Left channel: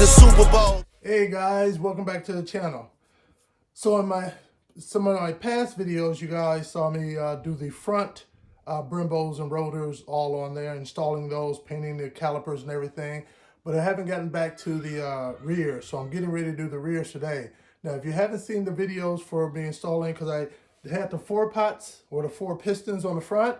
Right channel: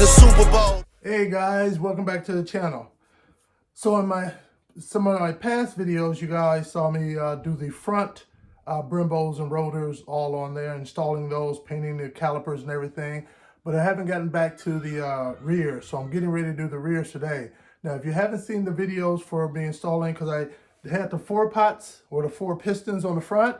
the Super Bowl. Hey guys, welcome back to the channel. So in some of my past videos, you guys saw me do the front Brembos and rotors all on there, installing those, painting the calipers and everything. But I haven't gotten back to the rear, so I'm getting ready to do the rears today. Now, if you haven't seen the videos for me installing, because I had the 4 pots or the 4 pistons on the front,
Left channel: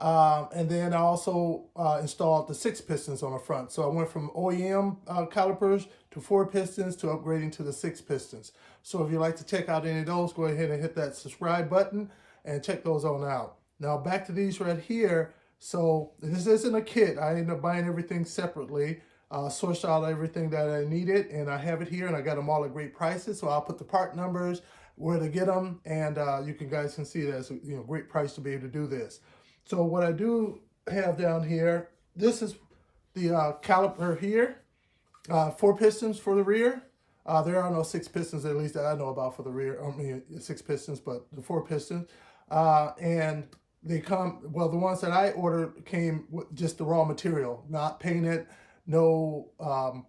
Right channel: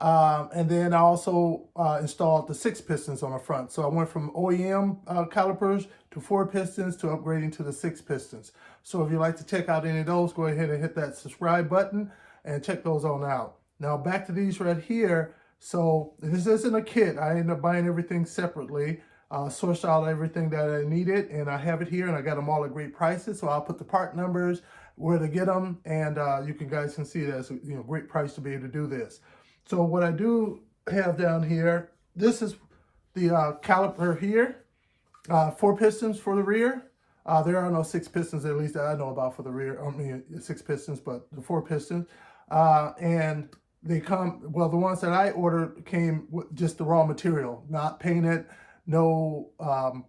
and then I also installed the 6 pistons on the front. So I went from OEM calipers to 4 pistons to upgrading to the 6 pistons. So if you'd like to check out any of those, go ahead and hit that subscribe button and check those on out. Now back to these right here. So this isn't a kit. I ended up buying everything separately, sourced out everything that I needed, and I have it here, and I got them all at great prices. So I'll put the part numbers, where to get them, and you guys can see that's a great price to be able to do this. So what I do have down here, this is the caliper here, 4 pistons for the rear. There are no 6 pistons, at least that I know about for the rear. I mean, 6 pistons, but the 4 pistons. And they come, well, the ones that I ordered came with just the raw material, not painted, no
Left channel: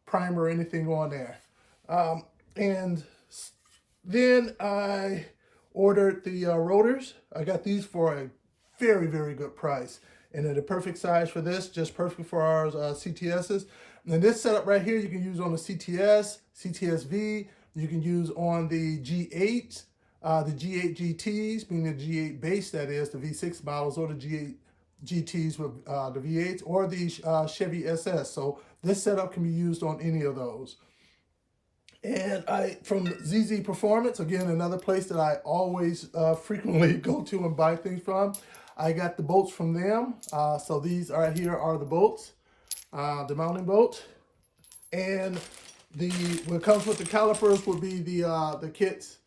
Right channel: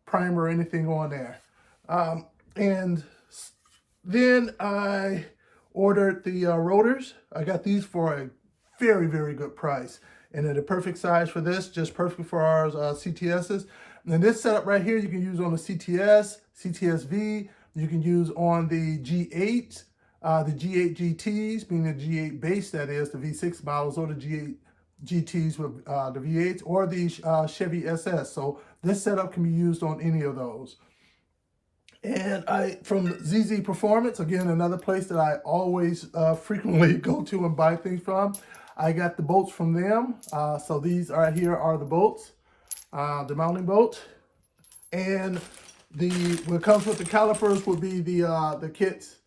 primer or anything on there. And then I ordered the rotors. I got these for a very, very good price. And they're the perfect size for this, just perfect for our CTSs. And this setup right here, you can use on the CTS, CTS-V, you can use on the G8, the G8 GTs, meaning the G8 base, that is, the V6 models, or the G8 GTs with the V8s, or the Chevy SS. So this setup can be used on any of those. And from ZZ Performance, again, another place that I always frequently go to and buy things from, I got the bolts from them. So these right here are the bolts, the mounting bolts. And what comes with the calipers would be the kits,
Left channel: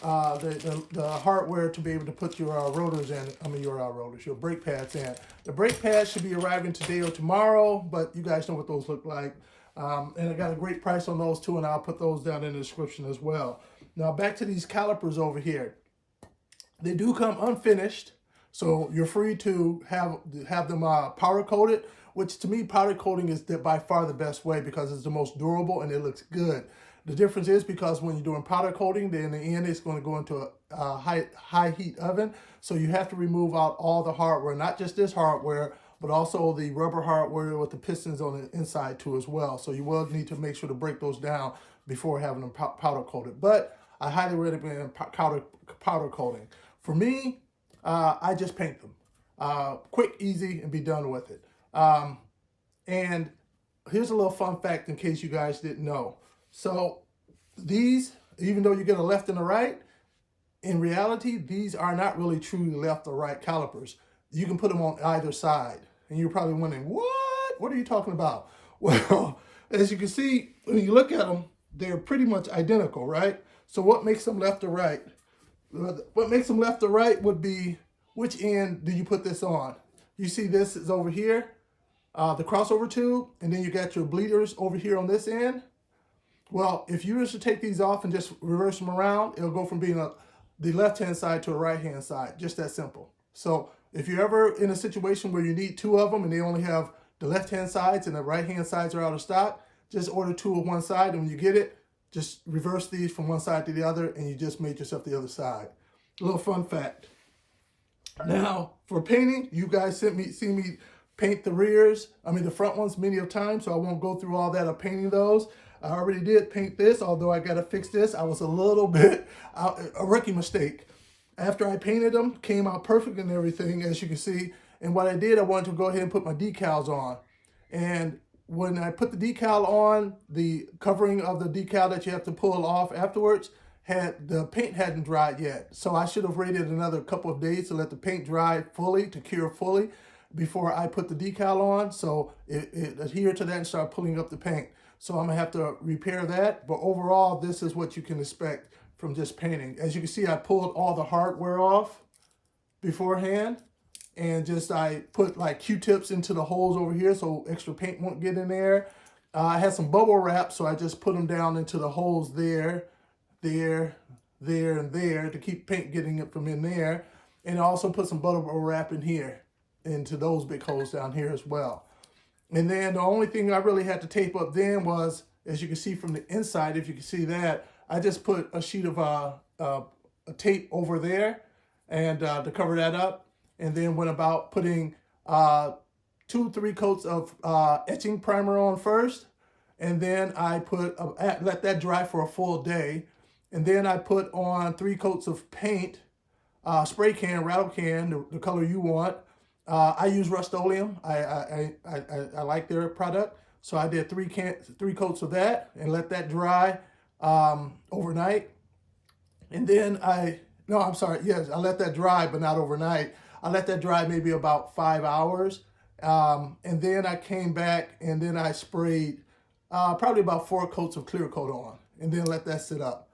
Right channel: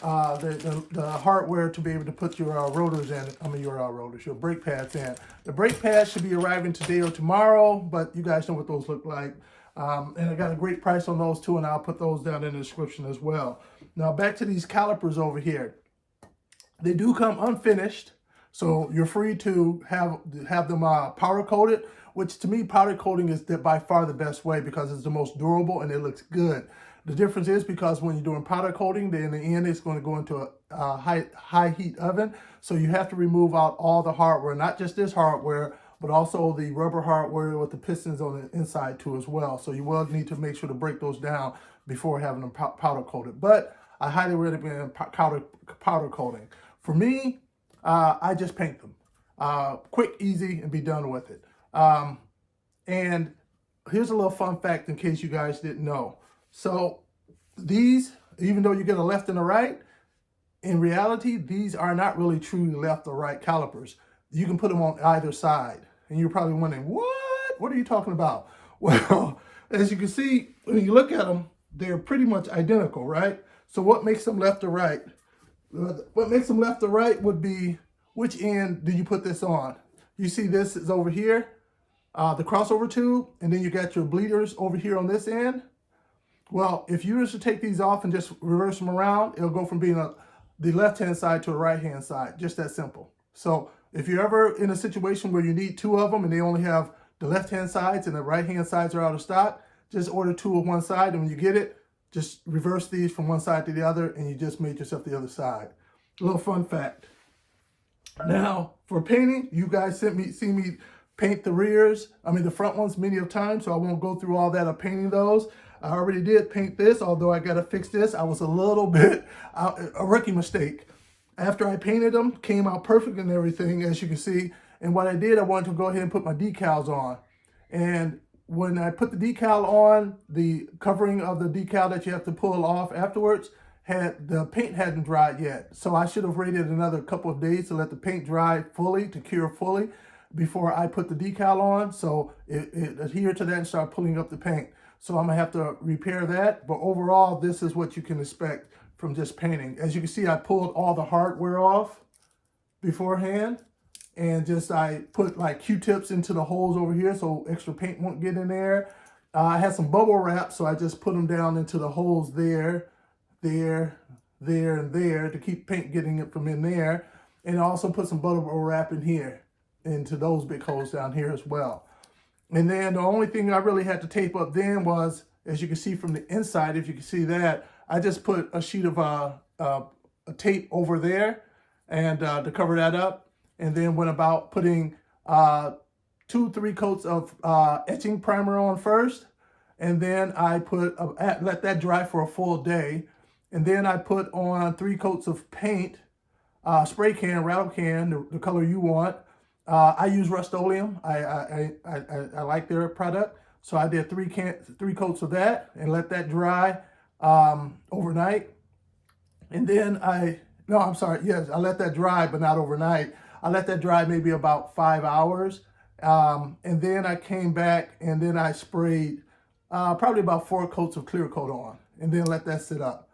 the hardware to be able to put your rotors in. I mean, your brake pads in. The brake pads should be arriving today or tomorrow, but you guys know what those look like. And I got a great price on those too, and I'll put those down in the description as well. Now back to these calipers over here. They do come unfinished, so you're free to have them powder coated, which to me powder coating is by far the best way because it's the most durable and it looks good. The difference is because when you're doing powder coating, then in the end it's going to go into a high heat oven, so you have to remove out all the hardware, not just this hardware, but also the rubber hardware with the pistons on the inside too as well. So you will need to make sure to break those down before having them powder coated. But I highly recommend powder coating. For me, I just paint them. Quick, easy, and be done with it. And here's a little fun fact in case you guys didn't know. So these, even though you get a left and a right, in reality, these are not really truly left or right calipers. You can put them on either side. And you're probably wondering, what? What are you talking about? Well, as you can see, when you look at them, they're pretty much identical, right? So what makes them left or right? What makes them left or right would be, which end do you put this on? You see this is over here, the crossover tube, and then you got your bleeders over here on this end. Well, if you were to take these off and just reverse them around, it'll go from being the left-hand side to the right-hand side, just that simple. So if you're ever in a situation where you need 2 of them and they only have the left-hand sides and the right-hand sides are out of stock, just order 2 on one side, and when you get it, just reverse these from one side to the other, and you just made yourself the other side. A little fun fact. Now, for painting, you guys see me paint the rears, the front ones many of times, so I won't go through all that of painting those. I already did paint this, although I got to fix this. I was a little bit, a rookie mistake. After I painted them, came out perfect and everything, as you can see. And what I did, I wanted to go ahead and put my decals on. And when I put the decal on, the covering of the decal that you have to pull off afterwards, the paint hadn't dried yet. So I should have waited another couple of days to let the paint dry fully, to cure fully, before I put the decal on. So it adhered to that and started pulling up the paint. So I'm gonna have to repair that. But overall, this is what you can expect from just painting. As you can see, I pulled all the hardware off beforehand, and I put like Q-tips into the holes over here so extra paint won't get in there. I had some bubble wrap, so I just put them down into the holes there, and there to keep paint getting it from in there. And I also put some bubble wrap in here, into those big holes down here as well. And then the only thing I really had to tape up then was as you can see from the inside, if you can see that, I just put a sheet of a tape over there and to cover that up, and then went about putting 2-3 coats of etching primer on first, and then I put let that dry for a full day, and then I put on 3 coats of paint, spray can, rattle can, the color you want. I use Rust-Oleum. I like their product, so I did 3 coats of that and let that dry overnight. And then I let that dry, but not overnight. I let that dry maybe about 5 hours. And then I came back and then I sprayed probably about 4 coats of clear coat on, and then let that sit up.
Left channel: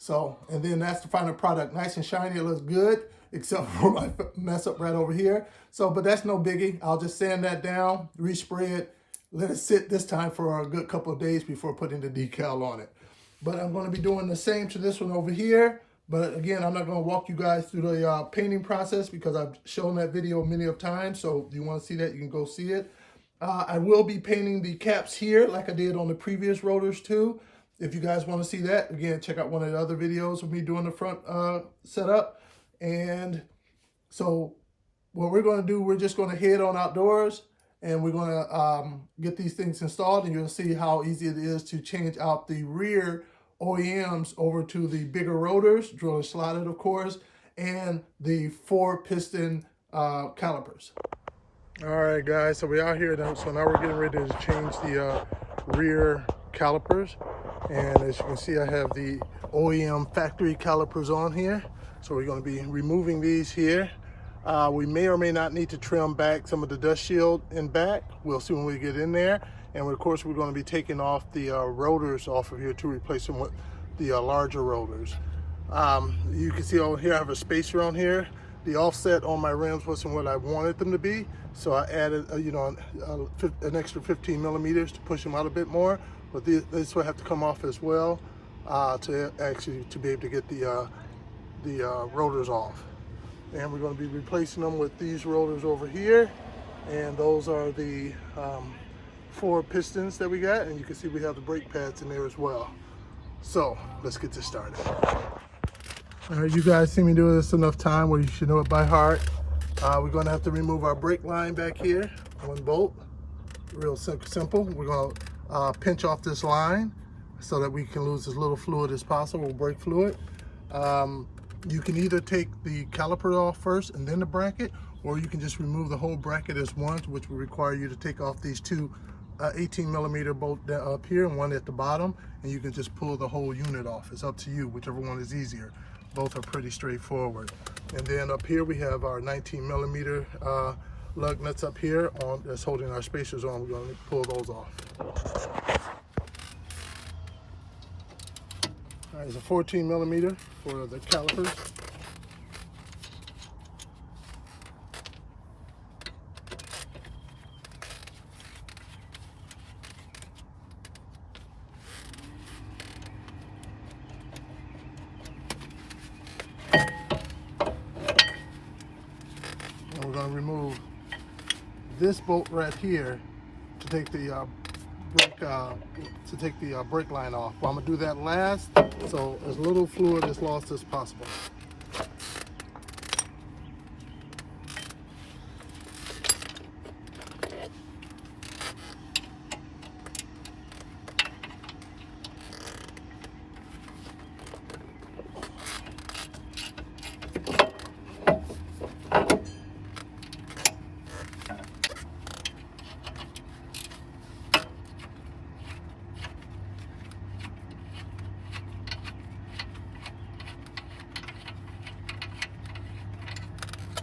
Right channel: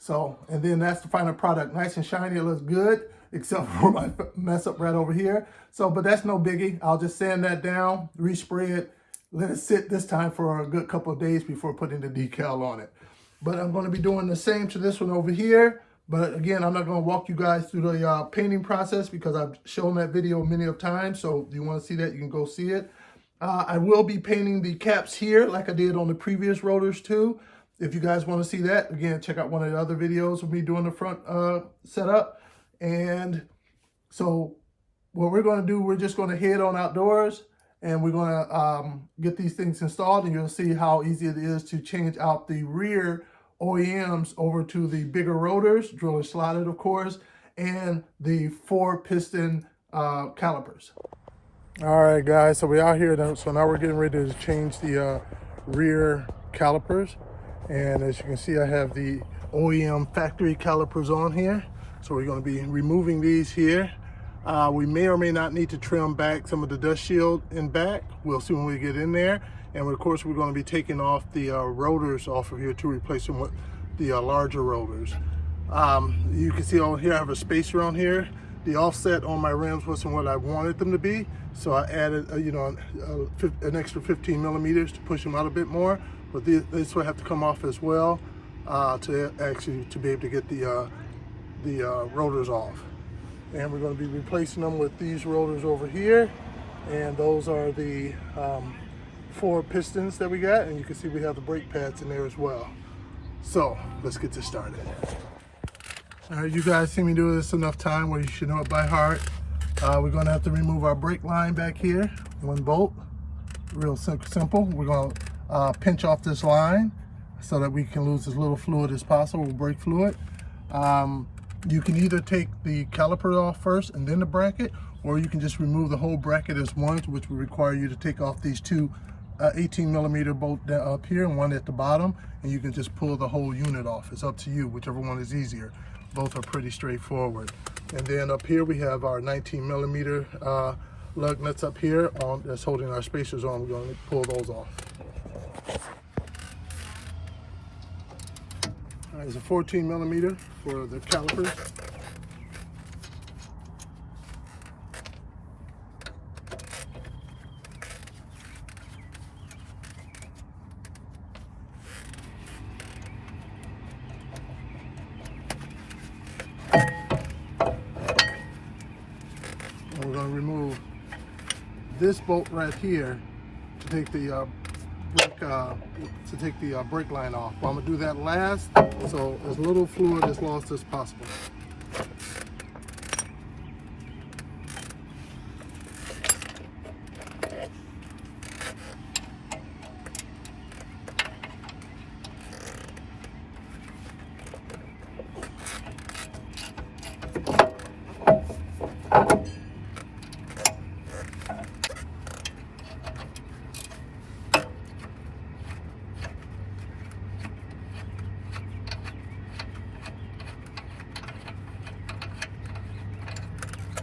So, and then that's the final product. Nice and shiny, it looks good, except for my mess up right over here. So, but that's no biggie. I'll just sand that down, respray it, let it sit this time for a good couple of days before putting the decal on it. But I'm gonna be doing the same to this one over here. But again, I'm not gonna walk you guys through the painting process because I've shown that video many of times. So if you wanna see that, you can go see it. I will be painting the caps here like I did on the previous rotors too. If you guys want to see that, again, check out one of the other videos of me doing the front setup. And so what we're going to do, we're just going to head on outdoors and we're going to get these things installed, and you'll see how easy it is to change out the rear OEMs over to the bigger rotors, drill and slotted of course, and the 4-piston calipers. All right, guys, so we're out here now. So now we're getting ready to change the rear calipers. And as you can see, I have the OEM factory calipers on here. So we're going to be removing these here. We may or may not need to trim back some of the dust shield in back. We'll see when we get in there. And of course, we're going to be taking off the rotors off of here to replace them with the larger rotors. You can see over here, I have a spacer on here. The offset on my rims wasn't what I wanted them to be, so I added, an extra 15 millimeters to push them out a bit more. But this will have to come off as well to be able to get the rotors off. And we're going to be replacing them with these rotors over here, and those are the 4 pistons that we got. And you can see we have the brake pads in there as well. So let's get this started. All right, you guys see me do this enough time where you should know it by heart. We're going to have to remove our brake line back here, 1 bolt. Real simple. We're going to pinch off this line so that we can lose as little fluid as possible, brake fluid. You can either take the caliper off first and then the bracket, or you can just remove the whole bracket as one, which will require you to take off these 2 18 millimeter bolt up here and 1 at the bottom, and you can just pull the whole unit off. It's up to you, whichever one is easier. Both are pretty straightforward. And then up here we have our 19 millimeter lug nuts up here that's holding our spacers on. We're going to pull those off. There's a 14 millimeter for the calipers. And we're going to remove this bolt right here to take the brake line off. But I'm gonna do that last, so as little fluid is lost as possible.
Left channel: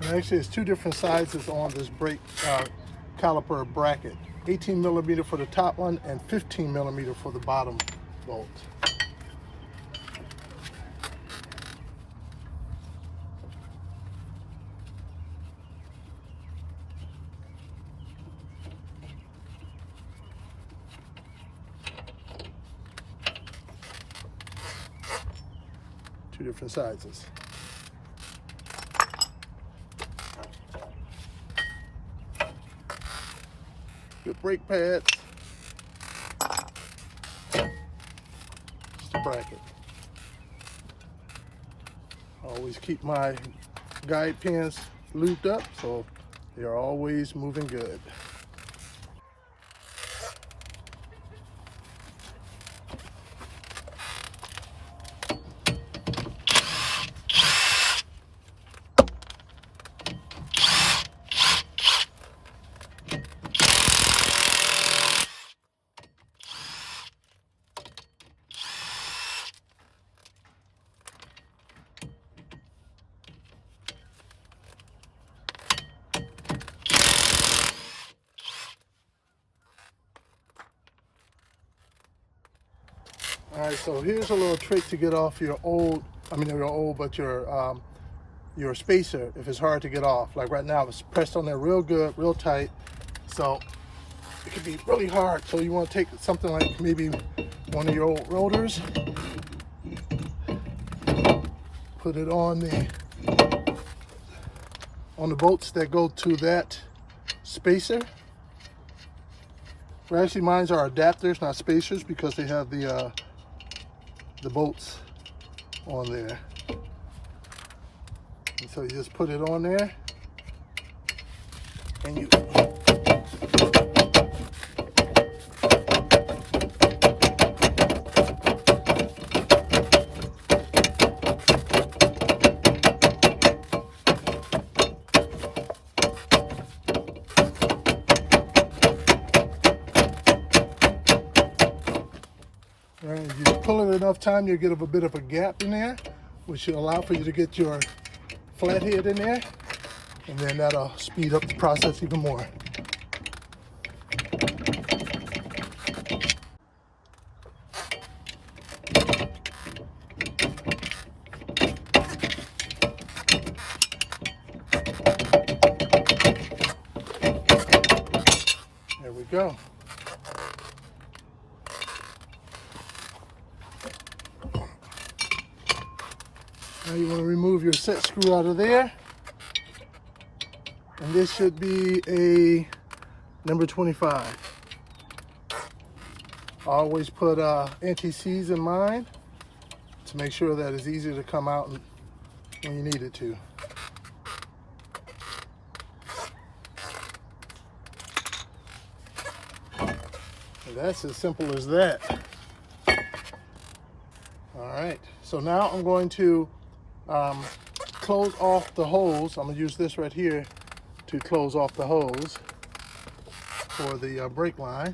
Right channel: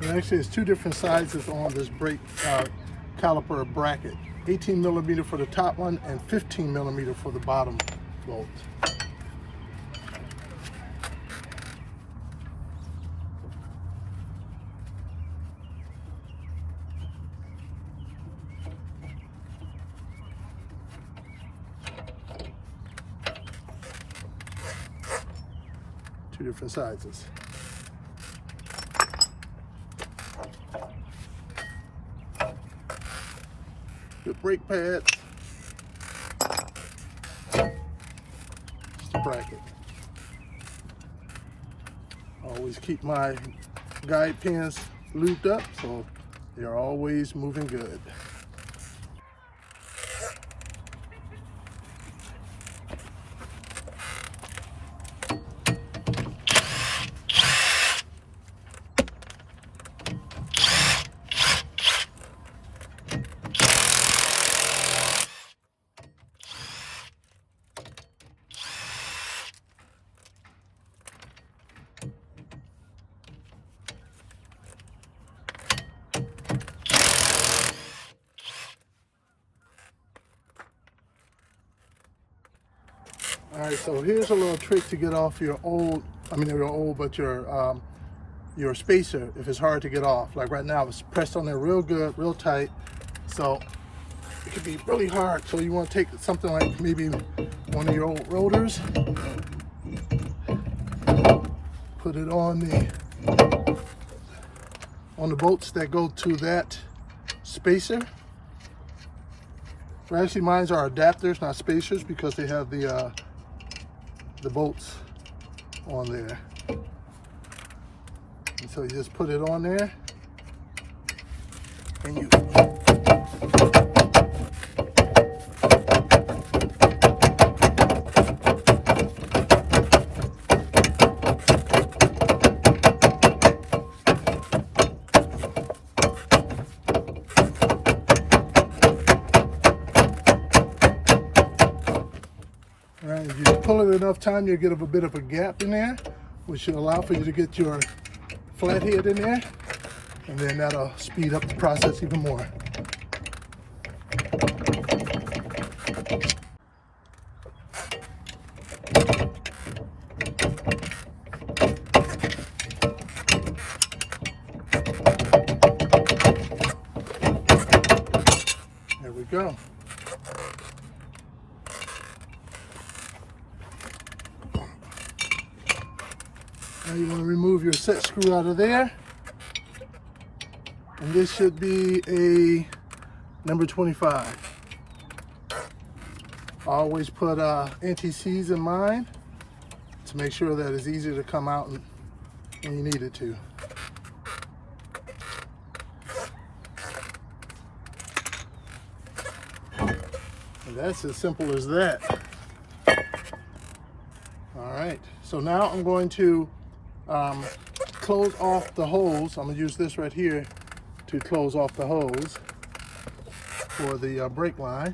And actually, it's 2 different sizes on this brake caliper bracket. 18 millimeter for the top one and 15 millimeter for the bottom bolt. Two different sizes. Good brake pads. bracket. Always keep my guide pins looped up so they're always moving good. All right, so here's a little trick to get off your old, but your spacer if it's hard to get off. Like right now, it's pressed on there real good, real tight. So it can be really hard. So you want to take something like maybe one of your old rotors, put it on the bolts that go to that spacer. Well, actually, mine are adapters, not spacers, because they have the bolts on there. And so you just put it on there, and you pull it enough time, you'll get a bit of a gap in there, which will allow for you to get your flathead in there, and then that'll speed up the process even more. There we go. Now you want to remove your set screw out of there, and this should be a number 25. I always put anti-seize in mine to make sure that it's easier to come out when you need it to. And that's as simple as that. All right, so now I'm going to close off the hose. I'm going to use this right here to close off the hose for the brake line.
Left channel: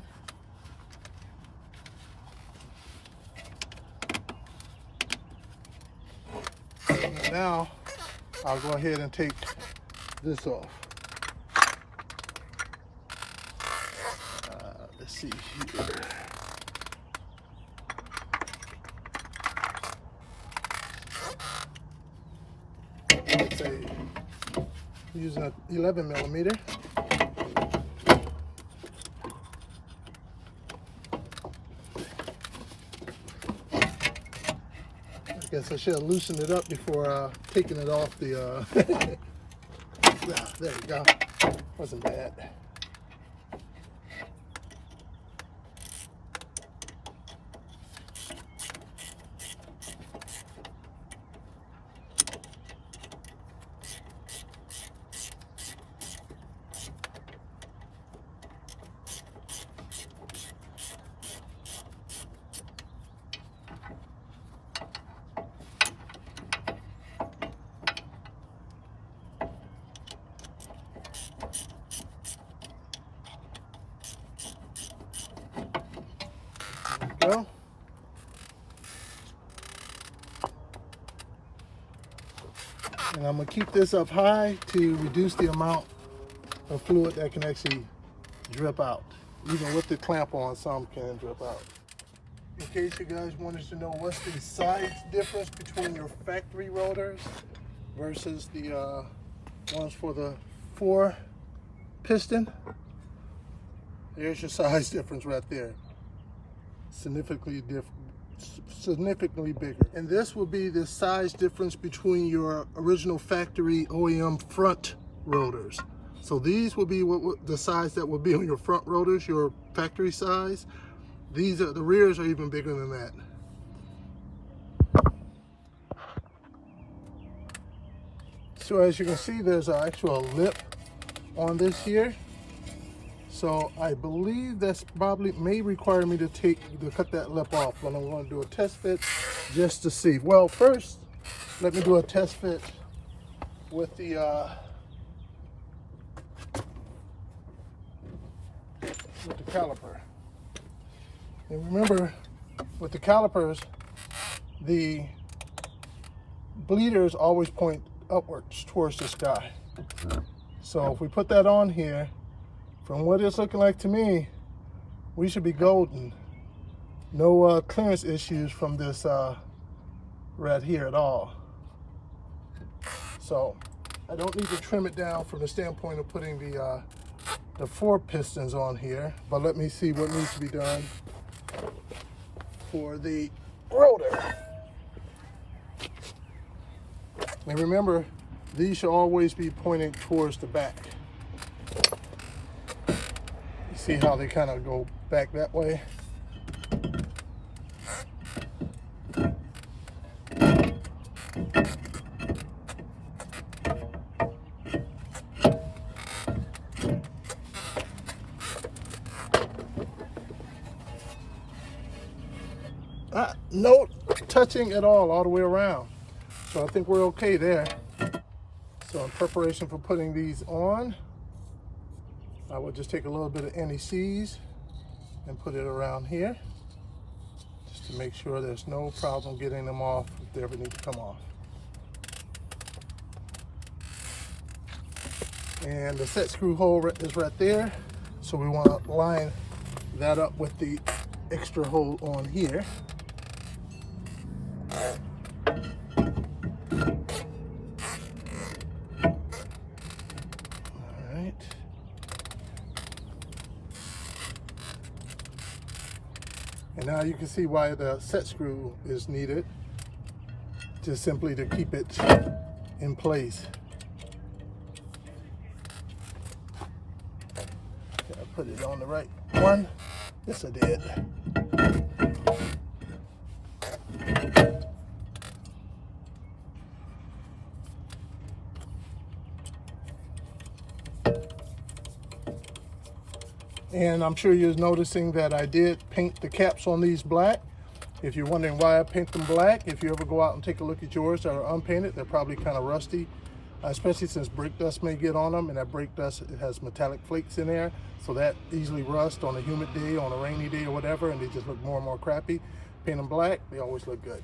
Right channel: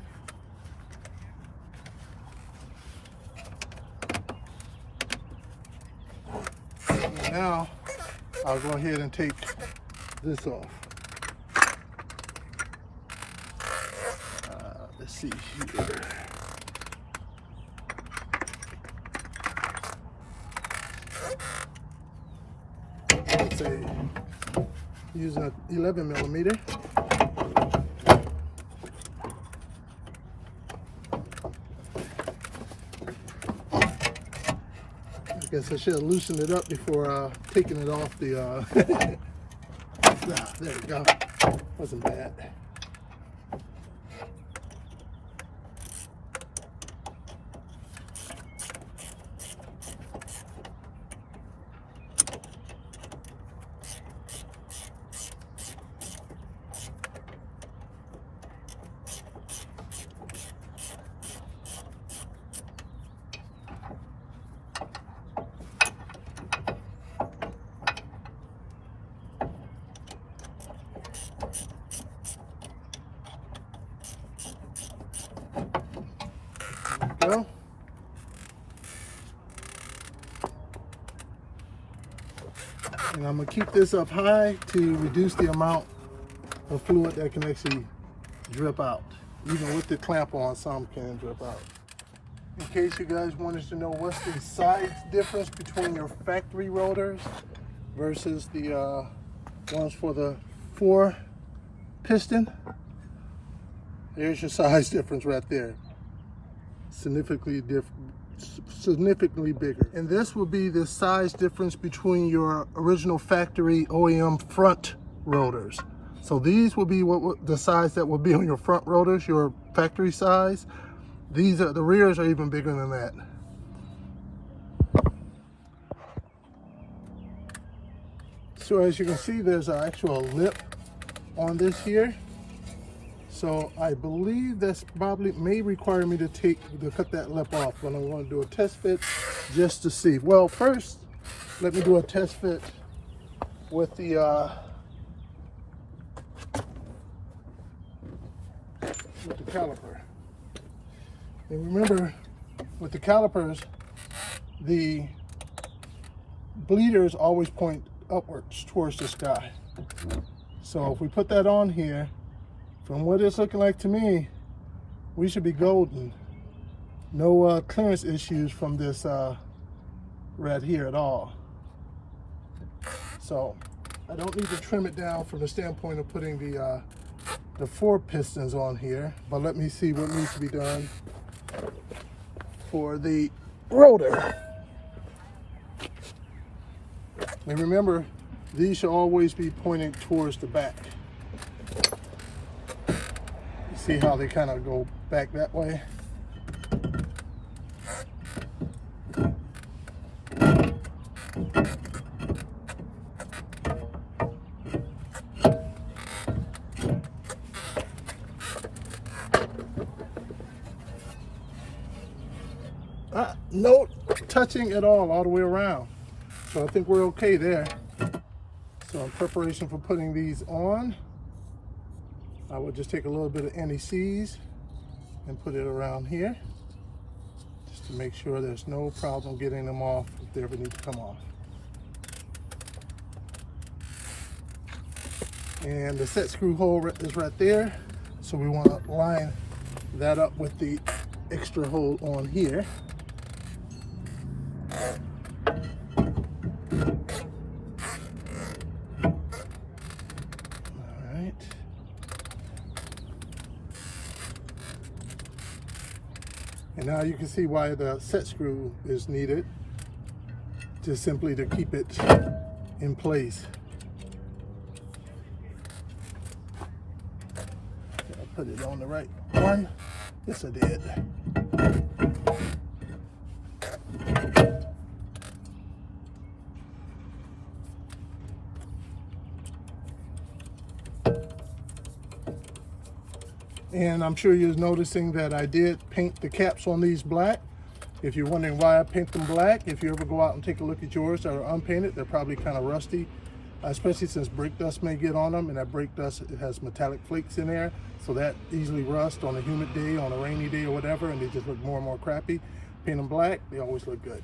And now I'll go ahead and take this off. Let's see here. Using an 11mm. I guess I should have loosened it up before taking it off the yeah, there we go. Wasn't bad. Go. And I'm going to keep this up high to reduce the amount of fluid that can actually drip out. Even with the clamp on, some can drip out. In case you guys wanted to know what's the size difference between your factory rotors versus the ones for the 4 piston, there's your size difference right there. Significantly bigger. And this will be the size difference between your original factory OEM front rotors. So these will be the size that will be on your front rotors, your factory size. These are the rears are even bigger than that. So as you can see, there's an actual lip on this here. So I believe that's probably may require me to cut that lip off, but I'm going to do a test fit just to see. Well, first, let me do a test fit with the caliper. And remember, with the calipers, the bleeders always point upwards towards the sky. So if we put that on here, from what it's looking like to me, we should be golden. No clearance issues from this right here at all. So I don't need to trim it down from the standpoint of putting the 4 pistons on here, but let me see what needs to be done for the rotor. And remember, these should always be pointing towards the back. You see how they kind of go back that way? No touching at all the way around. So I think we're okay there. So in preparation for putting these on, I will just take a little bit of anti-seize and put it around here, just to make sure there's no problem getting them off if they ever need to come off. And the set screw hole is right there. So we want to line that up with the extra hole on here. And now you can see why the set screw is needed, just simply to keep it in place. Did I put it on the right one? Yes, I did. And I'm sure you're noticing that I did paint the caps on these black. If you're wondering why I paint them black, if you ever go out and take a look at yours that are unpainted, they're probably kind of rusty, especially since brake dust may get on them, and that brake dust, it has metallic flakes in there, so that easily rust on a humid day, on a rainy day or whatever, and they just look more and more crappy. Paint them black, they always look good.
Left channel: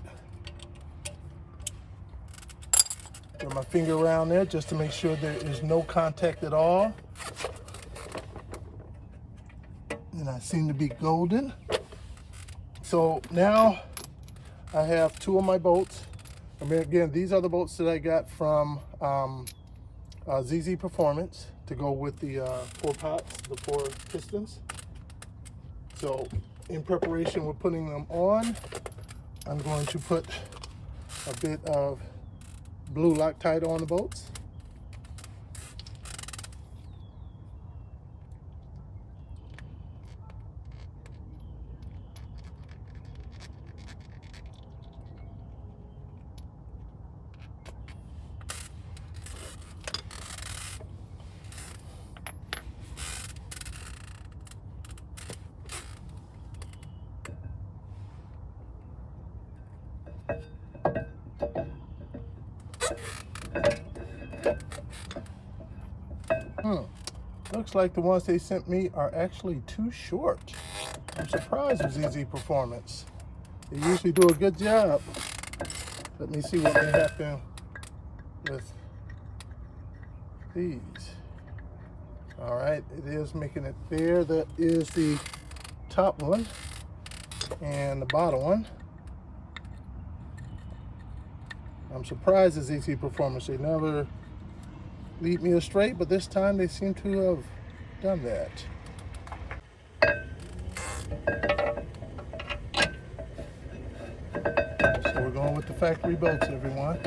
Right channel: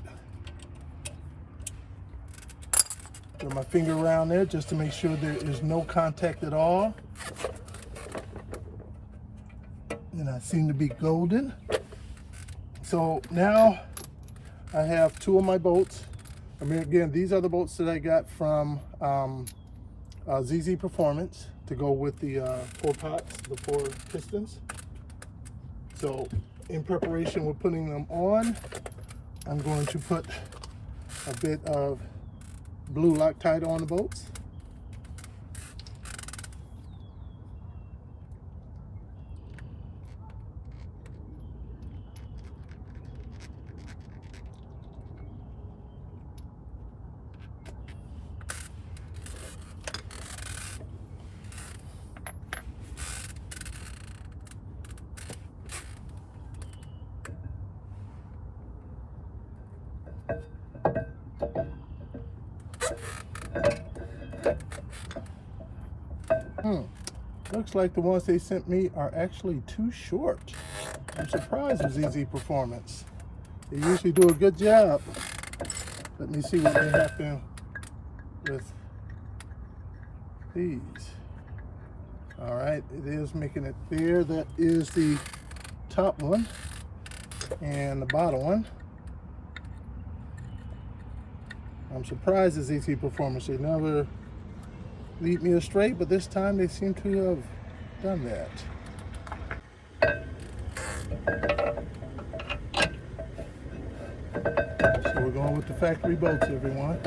Get my finger around there just to make sure there is no contact at all. And I seem to be golden. So now I have 2 of my bolts. I mean, again, these are the bolts that I got from ZZ Performance to go with the 4 pots, the 4 pistons. So in preparation with putting them on, I'm going to put a bit of blue Loctite on the bolts. Looks like the ones they sent me are actually too short. I'm surprised with ZZ Performance. They usually do a good job. Let me see what may happen with these. All right, it is making it there. That is the top one and the bottom one. I'm surprised at ZZ Performance. They never lead me astray, but this time they seem to have done that. So we're going with the factory bolts, everyone.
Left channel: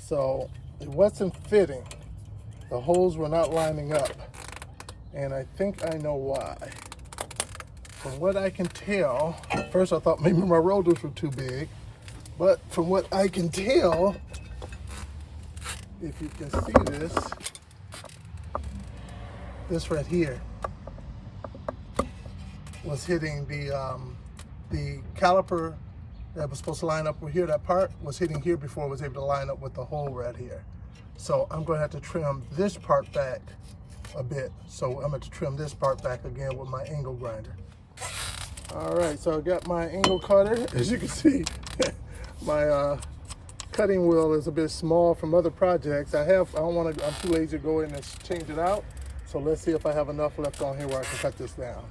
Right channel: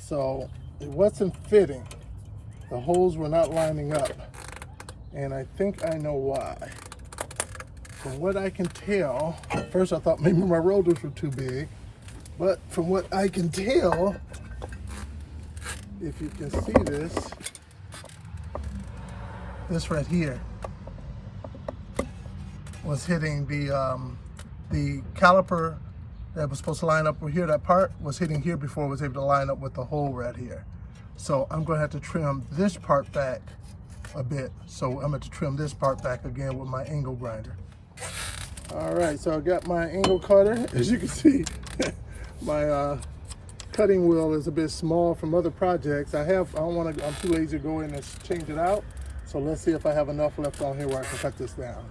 So it wasn't fitting. The holes were not lining up, and I think I know why. From what I can tell, at first I thought maybe my rotors were too big, But from what I can tell, if you can see this right here was hitting the caliper that was supposed to line up here. That part was hitting here before it was able to line up with the hole right here. So I'm going to have to trim this part back a bit. So I'm going to trim this part back again with my angle grinder. All right, so I got my angle cutter. As you can see, my cutting wheel is a bit small from other projects. I'm too lazy to go in and change it out. So let's see if I have enough left on here where I can cut this down.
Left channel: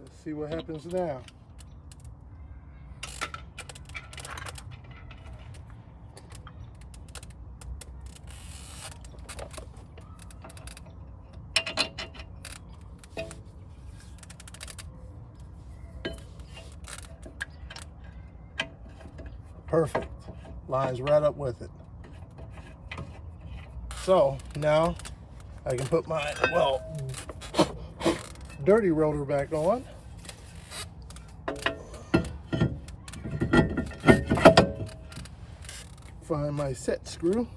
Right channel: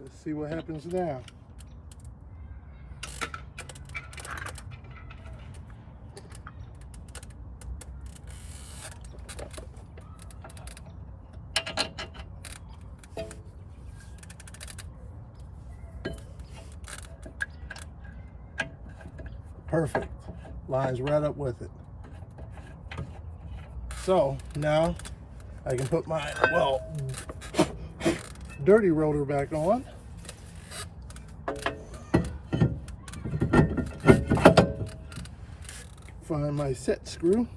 Let's see what happens now. Perfect. Lines right up with it. So now I can put my, well, dirty rotor back on. Find my set screw.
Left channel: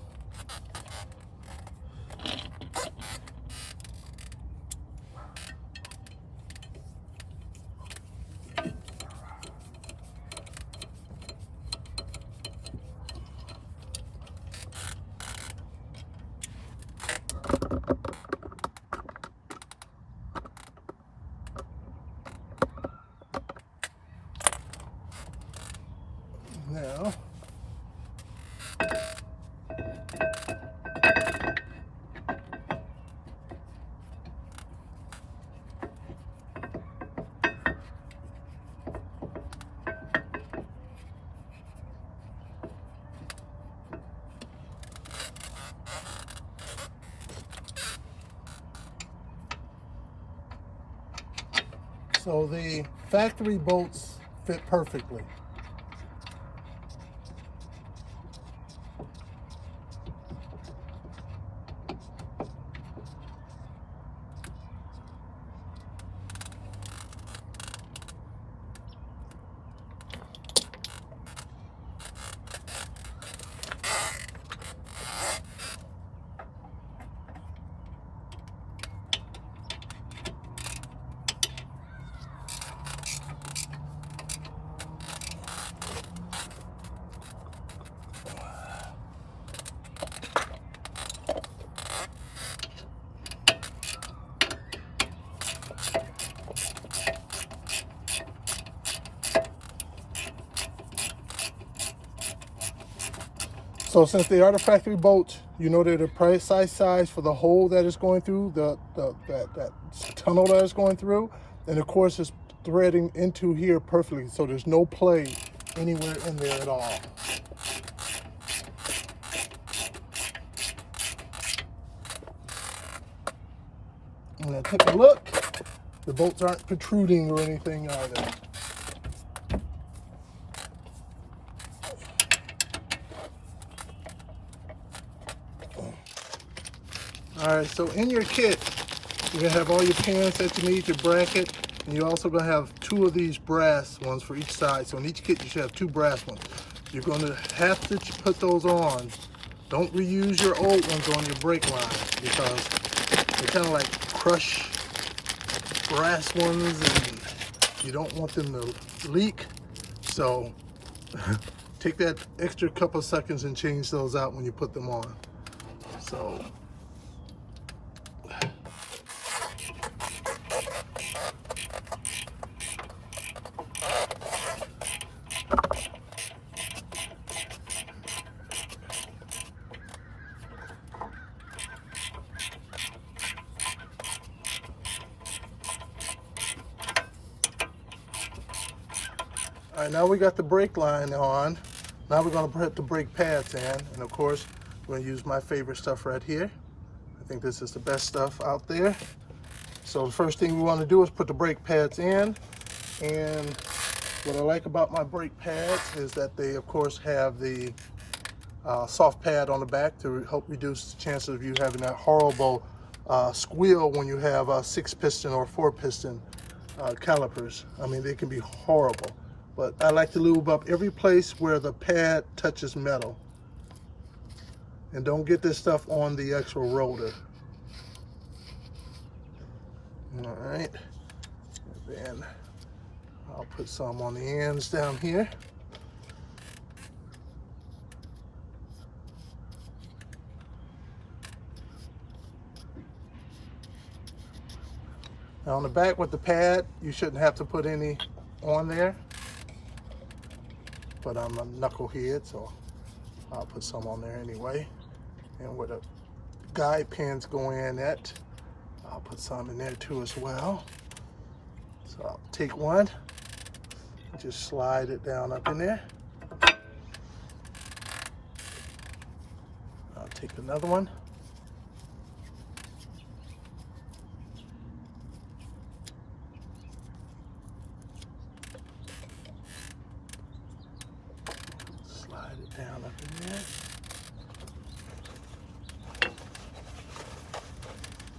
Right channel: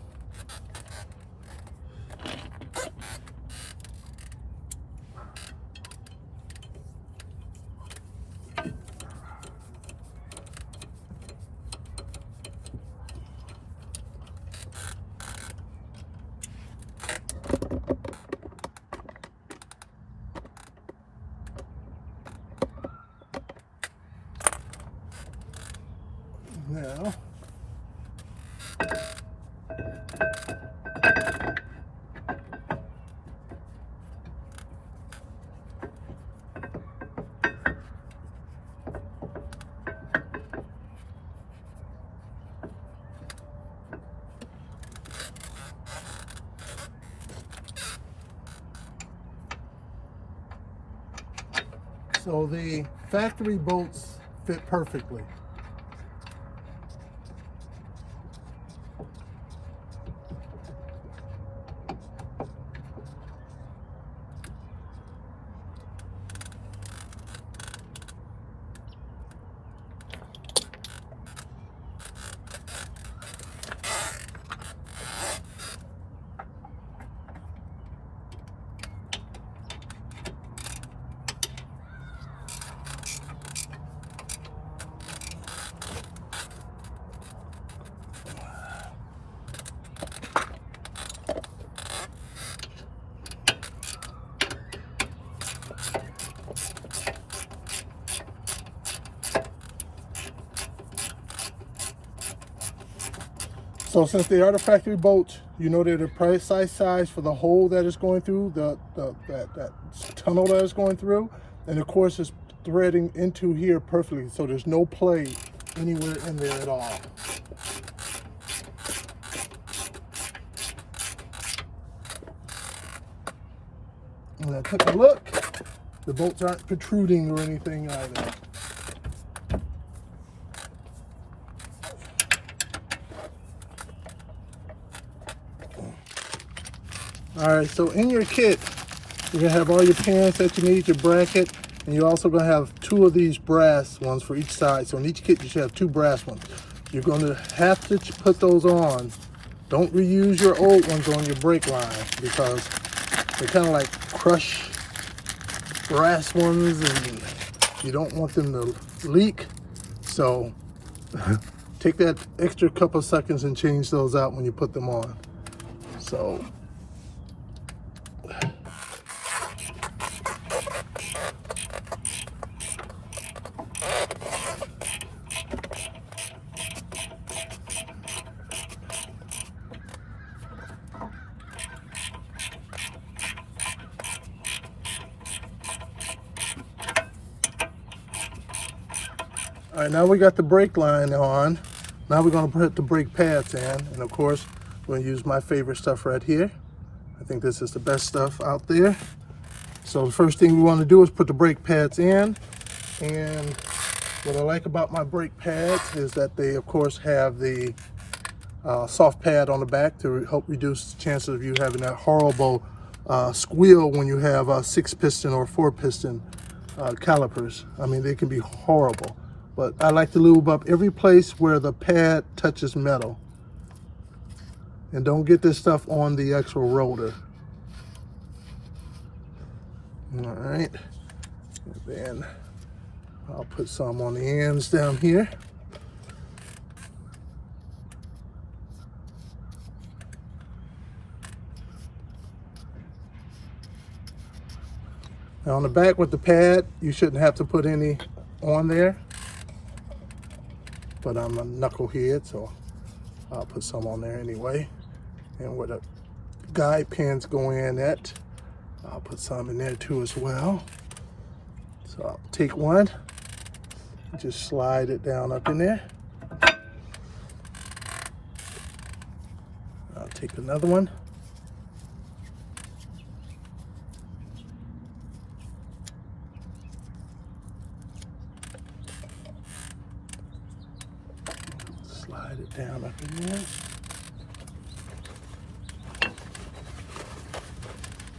Now, so the factory bolts fit perfectly. So since they are the factory bolts, you know they're the precise size for the hole that is going through, that tunnel that is going through. And of course it's threading into here perfectly, so there's no play anywhere in there at all. When I took a look, the bolts aren't protruding or anything either. All right, so in your kit, you're gonna have all your pins that you need, your bracket, and you're also gonna have two of these brass ones for each side. So in each kit, you should have two brass ones. you're going to have to put those on. Don't reuse your old ones on your brake line because they're kind of like crushed brass ones and you don't want them to leak. So take that extra couple of seconds and change those out when you put them on. So all right, now we got the brake line on. Now we're going to put the brake pads in, and of course we're going to use my favorite stuff right here. I think this is the best stuff out there. So the first thing we want to do is put the brake pads in, and what I like about my brake pads is that they of course have the soft pad on the back to help reduce the chances of you having that horrible squeal when you have 6-piston or 4-piston calipers. I mean, they can be horrible. But I like to lube up every place where the pad touches metal. And don't get this stuff on the actual rotor. All right. And then I'll put some on the ends down here. Now on the back with the pad, you shouldn't have to put any on there. But I'm a knucklehead, so I'll put some on there anyway. And where the guide pins go in at, I'll put some in there too as well. So I'll take one, just slide it down up in there. I'll take another one. Down up in there.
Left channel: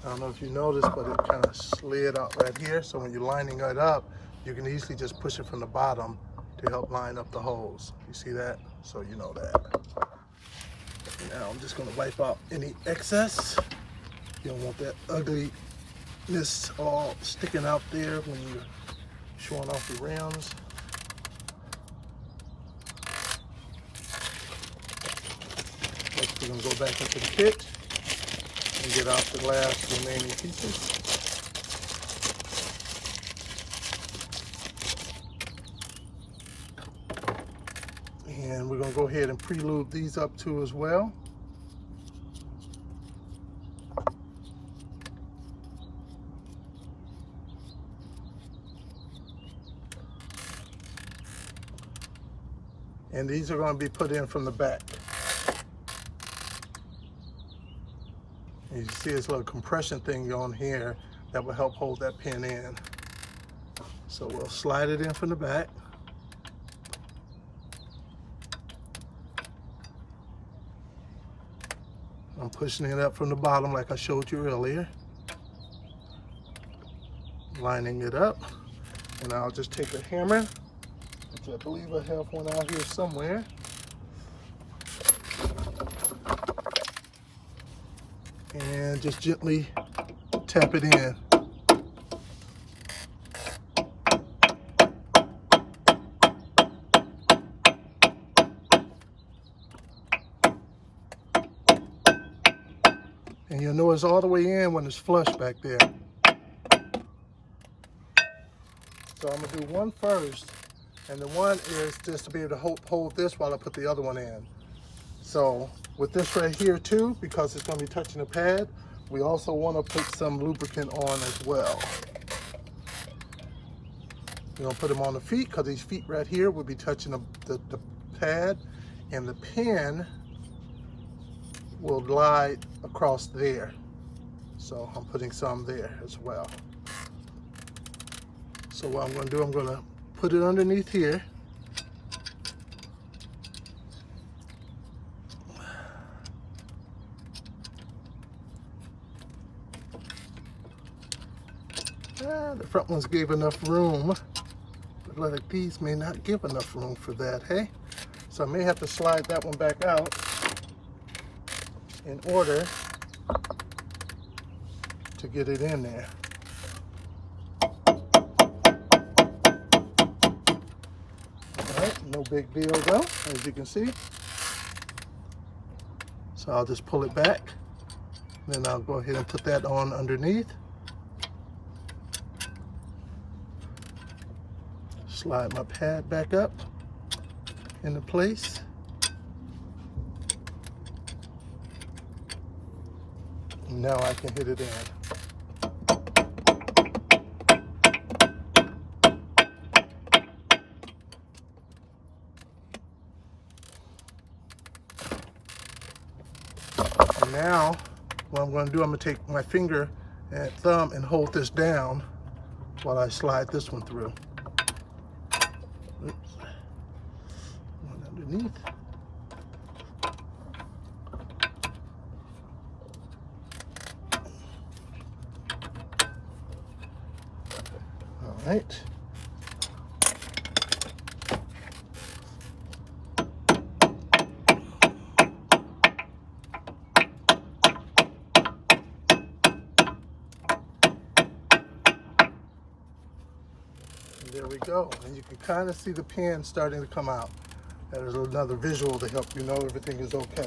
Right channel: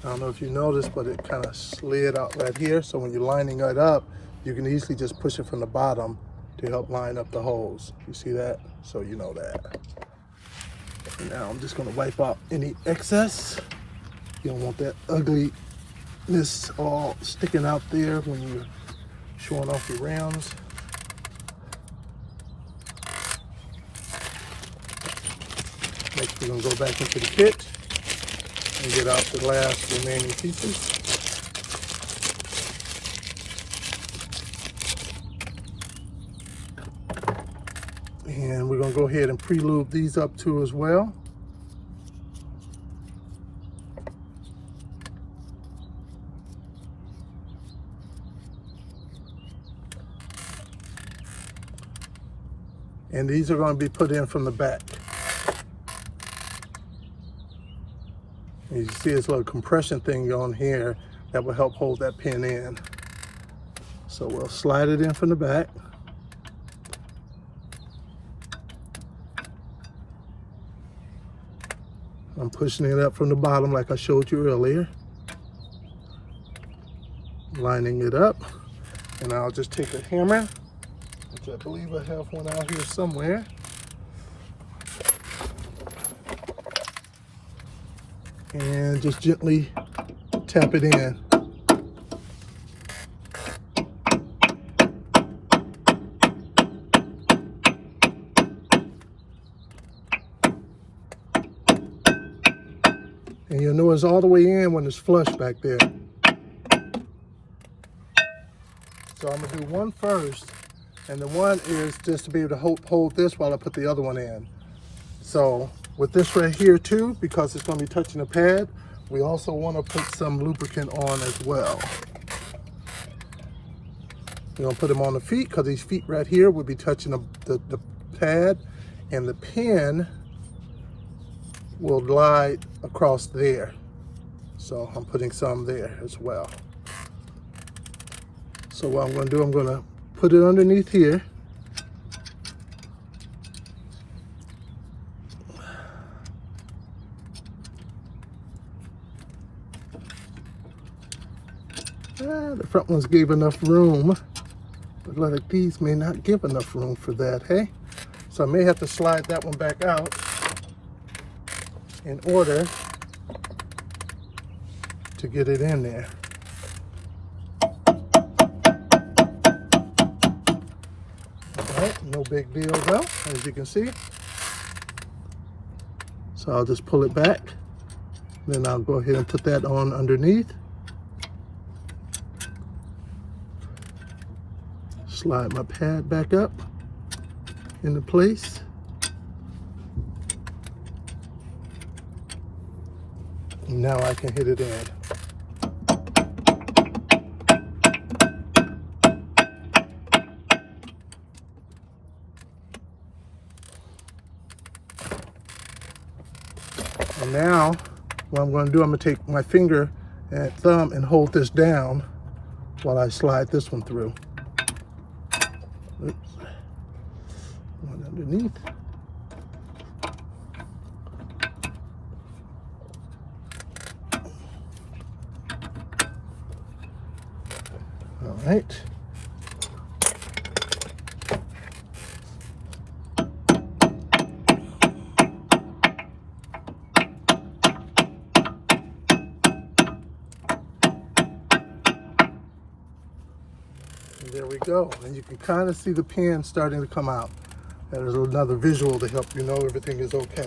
I don't know if you noticed, but it kind of slid out right here. So when you're lining it up, you can easily just push it from the bottom to help line up the holes. You see that? So you know that. And now I'm just going to wipe out any excess. You don't want that ugliness all sticking out there when you're showing off your rims. Next, we're going to go back into the kit and get out the last remaining pieces. And we're going to go ahead and pre-lube these up too as well. And these are going to be put in from the back. You see this little compression thing on here that will help hold that pin in. So we'll slide it in from the back. I'm pushing it up from the bottom like I showed you earlier. Lining it up. And I'll just take a hammer, which I believe I have one out here somewhere. And just gently tap it in. And you'll know it's all the way in when it's flush back there. So I'm gonna do one first, and the one is just to be able to hold this while I put the other one in. So with this right here too, because it's going to be touching the pad, we also want to put some lubricant on as well. We're going to put them on the feet because these feet right here will be touching the pad, and the pin will glide across there. So I'm putting some there as well. So what I'm going to do, I'm going to put it underneath here. The front ones gave enough room, but like these may not give enough room for that, hey? So I may have to slide that one back out in order to get it in there. All right, no big deal though, as you can see. So I'll just pull it back. Then I'll go ahead and put that on underneath. Slide my pad back up into place. And now I can hit it in. And now what I'm going to do, I'm going to take my finger and thumb and hold this down while I slide this one through. Oops. One underneath. All right. There we go, and you can kind of see the pin starting to come out. That is another visual to help you know everything is okay.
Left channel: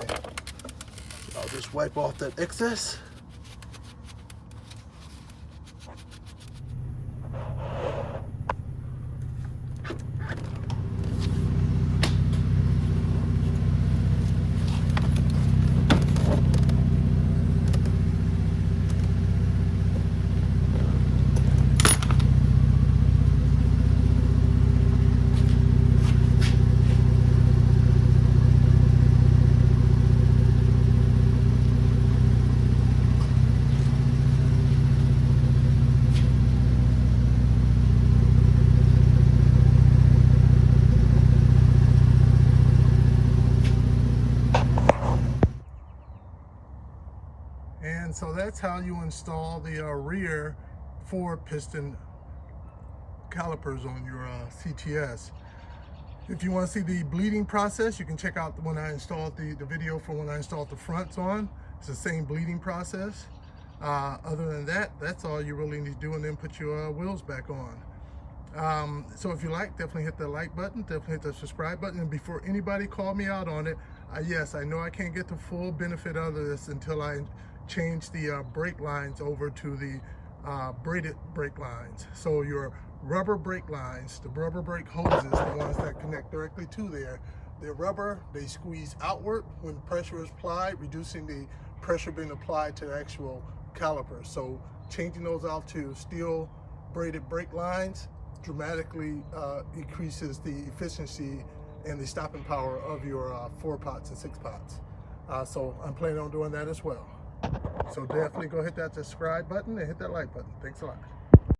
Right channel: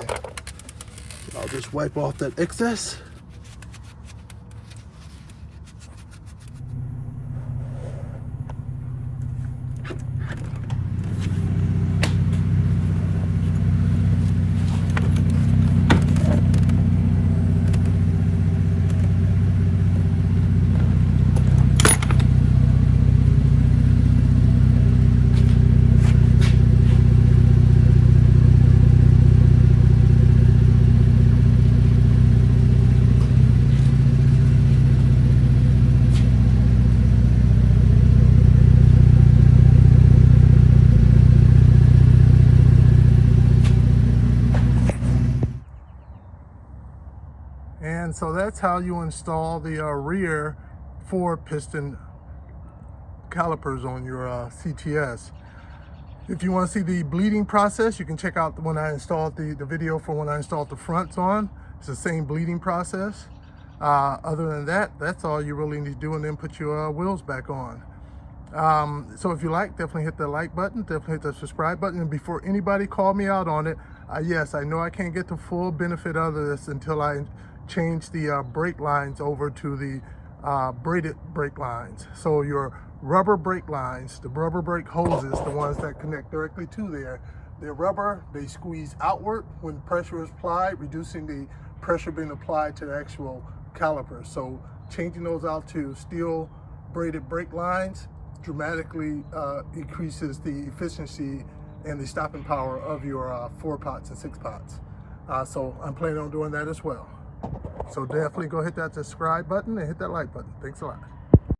I'll just wipe off that excess. And so that's how you install the rear 4-piston calipers on your CTS. If you want to see the bleeding process, you can check out when I installed the video for when I installed the fronts on. It's the same bleeding process. Other than that, that's all you really need to do, and then put your wheels back on. So if you like, definitely hit the like button, definitely hit the subscribe button. And before anybody call me out on it, yes, I know I can't get the full benefit of this until I change the brake lines over to the braided brake lines. So your rubber brake lines, the rubber brake hoses, the ones that connect directly to there, they're rubber, they squeeze outward when pressure is applied, reducing the pressure being applied to the actual calipers. So changing those out to steel braided brake lines dramatically increases the efficiency and the stopping power of your 4-pots and 6-pots. So I'm planning on doing that as well. So definitely go hit that subscribe button and hit that like button. Thanks a lot.